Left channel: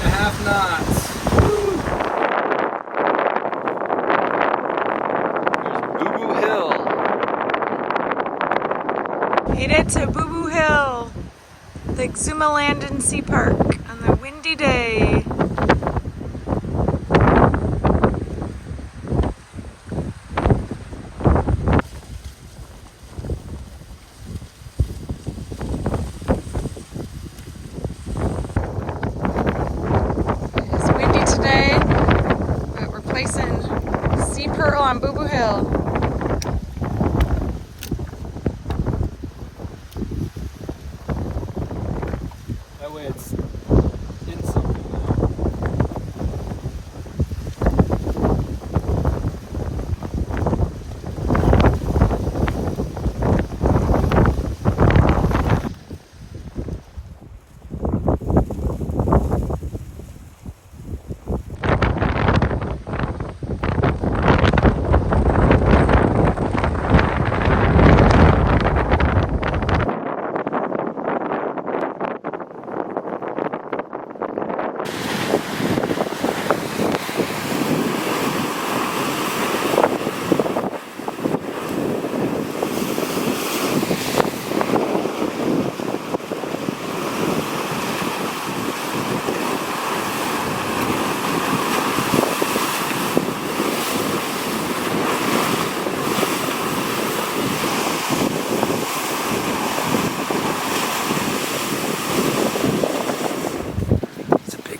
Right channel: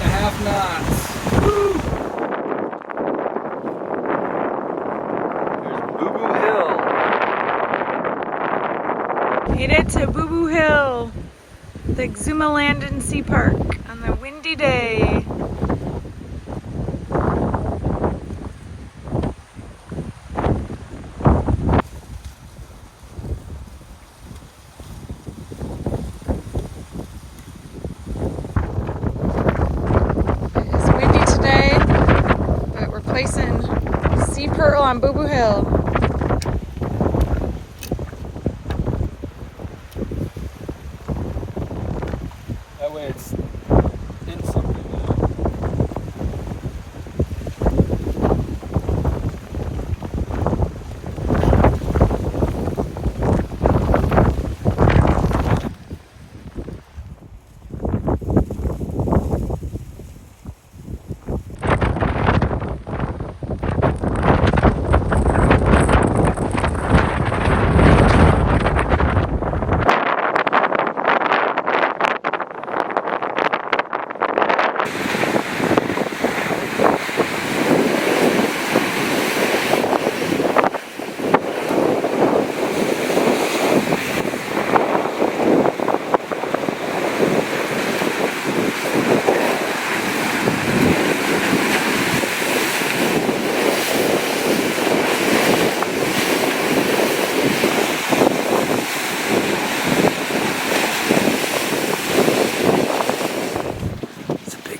8.5 knots. Woo! Made it to Boo Boo Hill, the Exuma Land and Sea Park on a windy day. It's windy today, but we're placing sea pearl on Boo Boo Hill. That way it's in something there.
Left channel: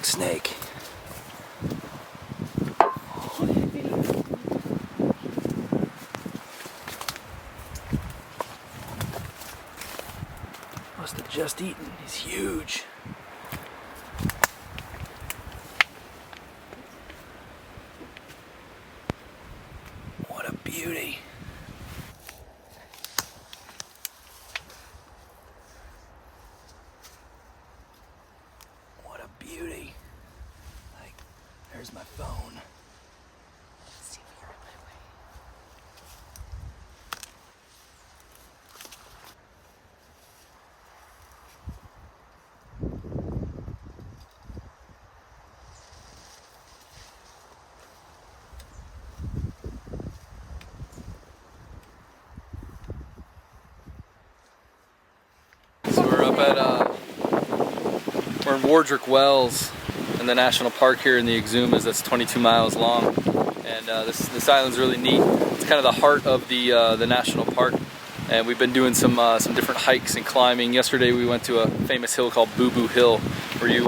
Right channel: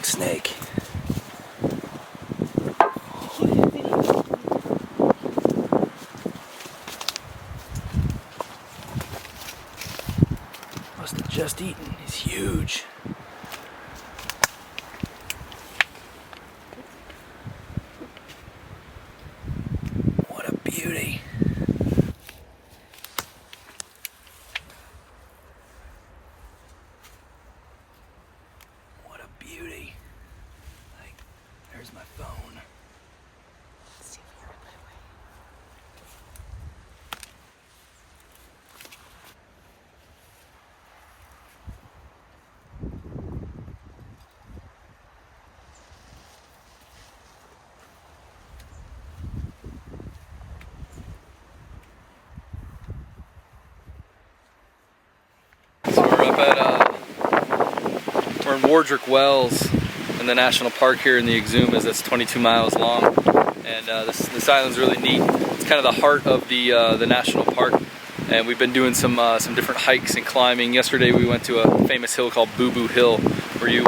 Snake. Must have just eaten. He's huge. What a beauty. What a beauty. There's my phone. See if you're in my way. So we're up at, we're in Warderick Wells in the national park here in the Exumas. That's 22 miles long, and this island's really neat. It's kind of the heart of the national park, and we've been doing some different hikes and climbing. Yesterday we went to a famous hill called Boo Boo Hill, where you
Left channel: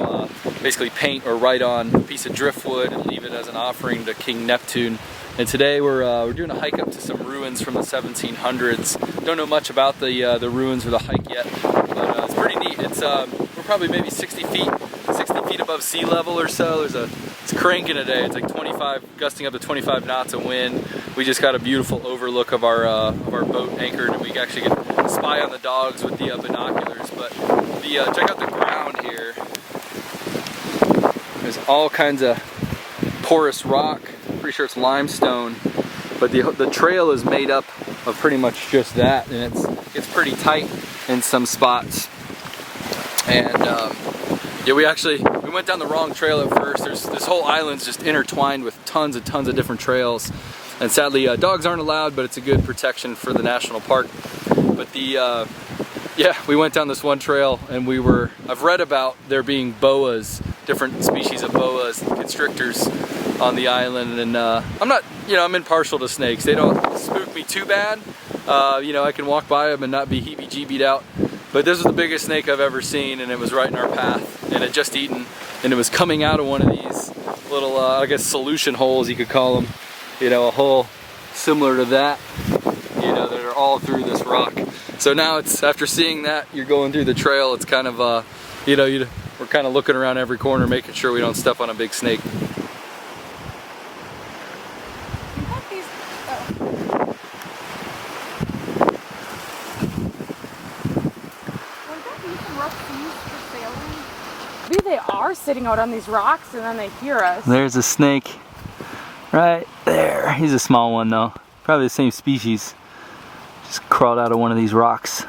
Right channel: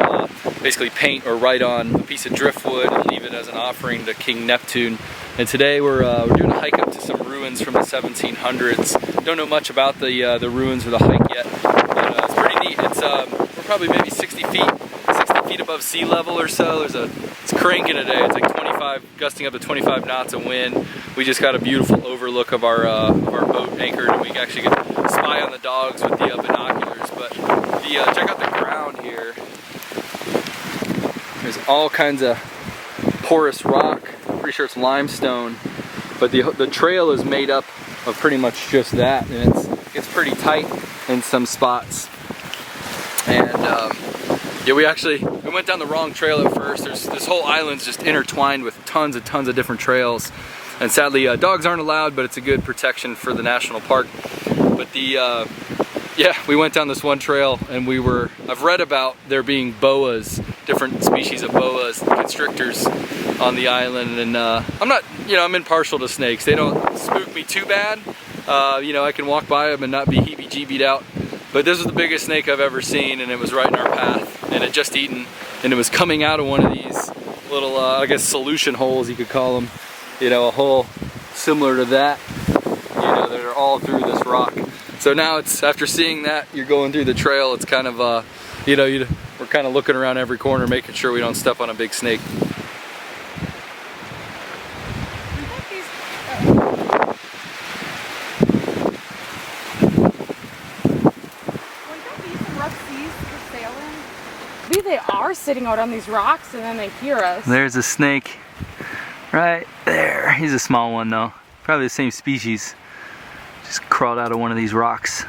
basically paint or write on a piece of driftwood and leave it as an offering to King Neptune. And today we're doing a hike up to some ruins from the 1700s. Don't know much about the ruins or the hike yet, but it's pretty neat. It's we're probably maybe 60 feet above sea level or so. It's cranking today. It's like 25, gusting up to 25 knots of wind. We just got a beautiful overlook of our boat anchored, and we actually could spy on the dogs with the binoculars. But check out the ground here. There's all kinds of porous rock. Pretty sure it's limestone, but the trail is made up of pretty much just that, and it's pretty tight in some spots. And yeah, we went down the wrong trail at first. This whole island's just intertwined with tons and tons of different trails, and sadly dogs aren't allowed, but it's a good protection for the national park. But yeah, we went down this one trail, and I've read about there being boas, different species of boas, constrictors on the island, and I'm impartial to snakes. They don't spook me too bad. I can walk by them and not be heebie-jeebied out. But this was the biggest snake I've ever seen, and it was right in our path, and it had just eaten, and it was coming out of one of these little, I guess, solution holes, you could call them. A hole similar to that, that are all through this rock. So now it's, after seeing that, you're going through the trail, it's kind of, we're kind of looking around every corner, making sure we don't step on a big snake. Maybe they are sitting out on these rocks and then they hear us. There's a snake right there. He's a small one though. Probably the same species. Just crawled out of one of these rocks.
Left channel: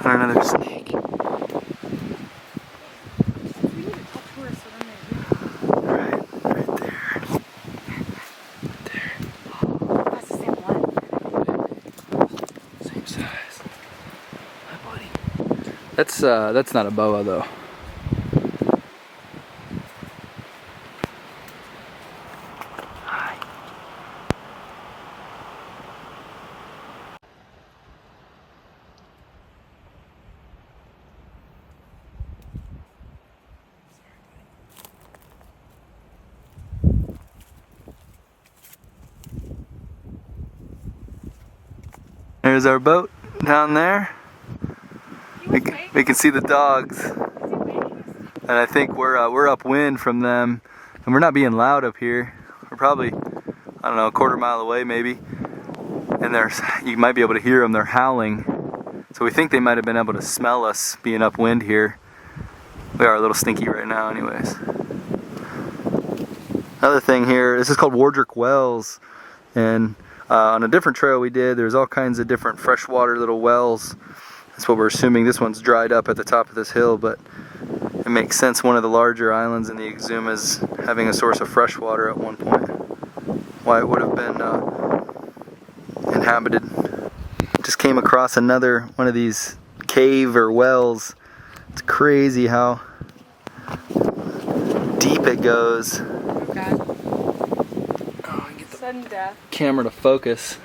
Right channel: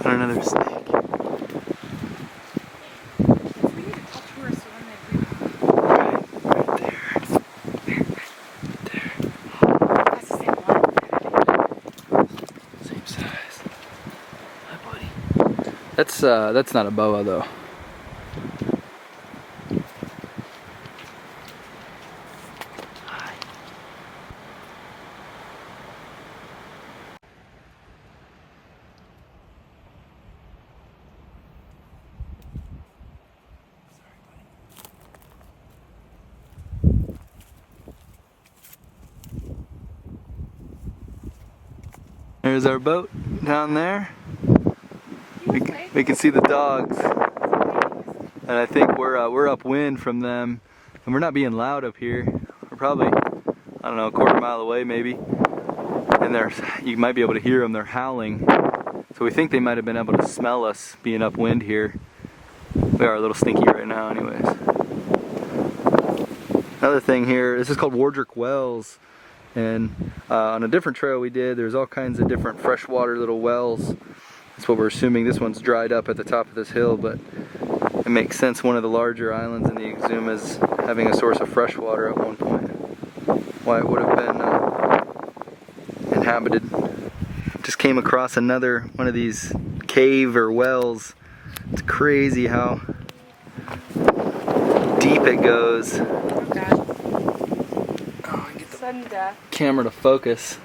Found another snake. We need to touch where Medium size. Hi, buddy. That's not a boa though. Hi. There's our boat down there. We can see the dogs, and I think we're upwind from them, and we're not being loud up here. We're probably, I don't know, a quarter mile away maybe, and you might be able to hear them. They're howling, so we think they might have been able to smell us being upwind here. We are a little stinky right now, anyways. Another thing here, this is called Warderick Wells. And on a different trail we did, there's all kinds of different freshwater little wells. That's what we're assuming. This one's dried up at the top of this hill, but it makes sense one of the larger islands in the Exuma is having a source of fresh water at one point. Why it would have been inhabited. Just came across another one of these cave or wells. It's crazy how deep it goes. Sudden death. Camera to focus.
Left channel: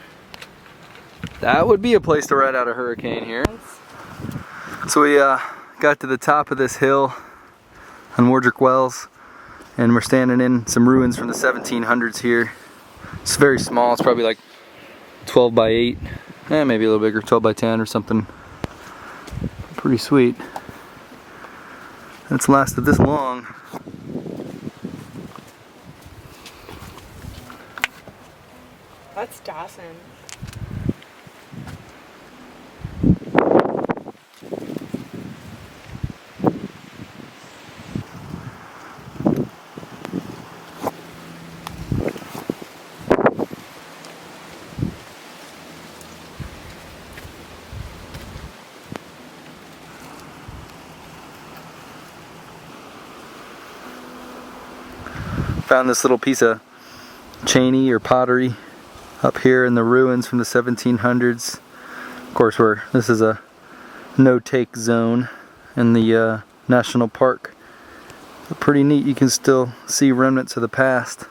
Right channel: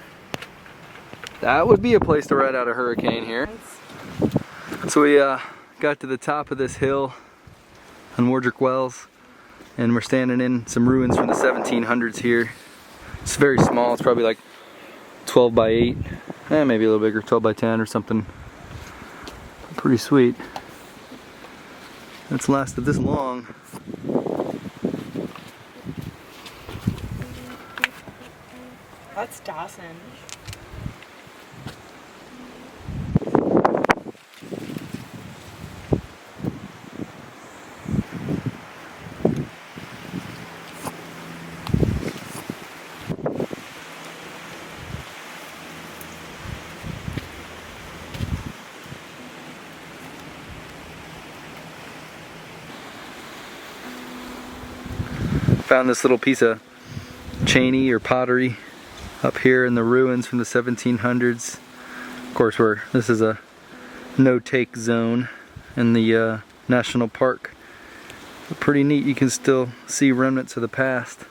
That would be a place to ride out a hurricane here. So we got to the top of this hill on Warderick Wells, and we're standing in some ruins from the 1700s here. It's very small. It's probably like 12 by 8, maybe a little bigger, 12 by 10 or something. Pretty sweet. It's lasted this long. That's Dawson. Found this little piece of cheney or pottery up here in the ruins from the 1700s. Of course, this is a no-take zone in the national park. But pretty neat. You can still see remnants of the past.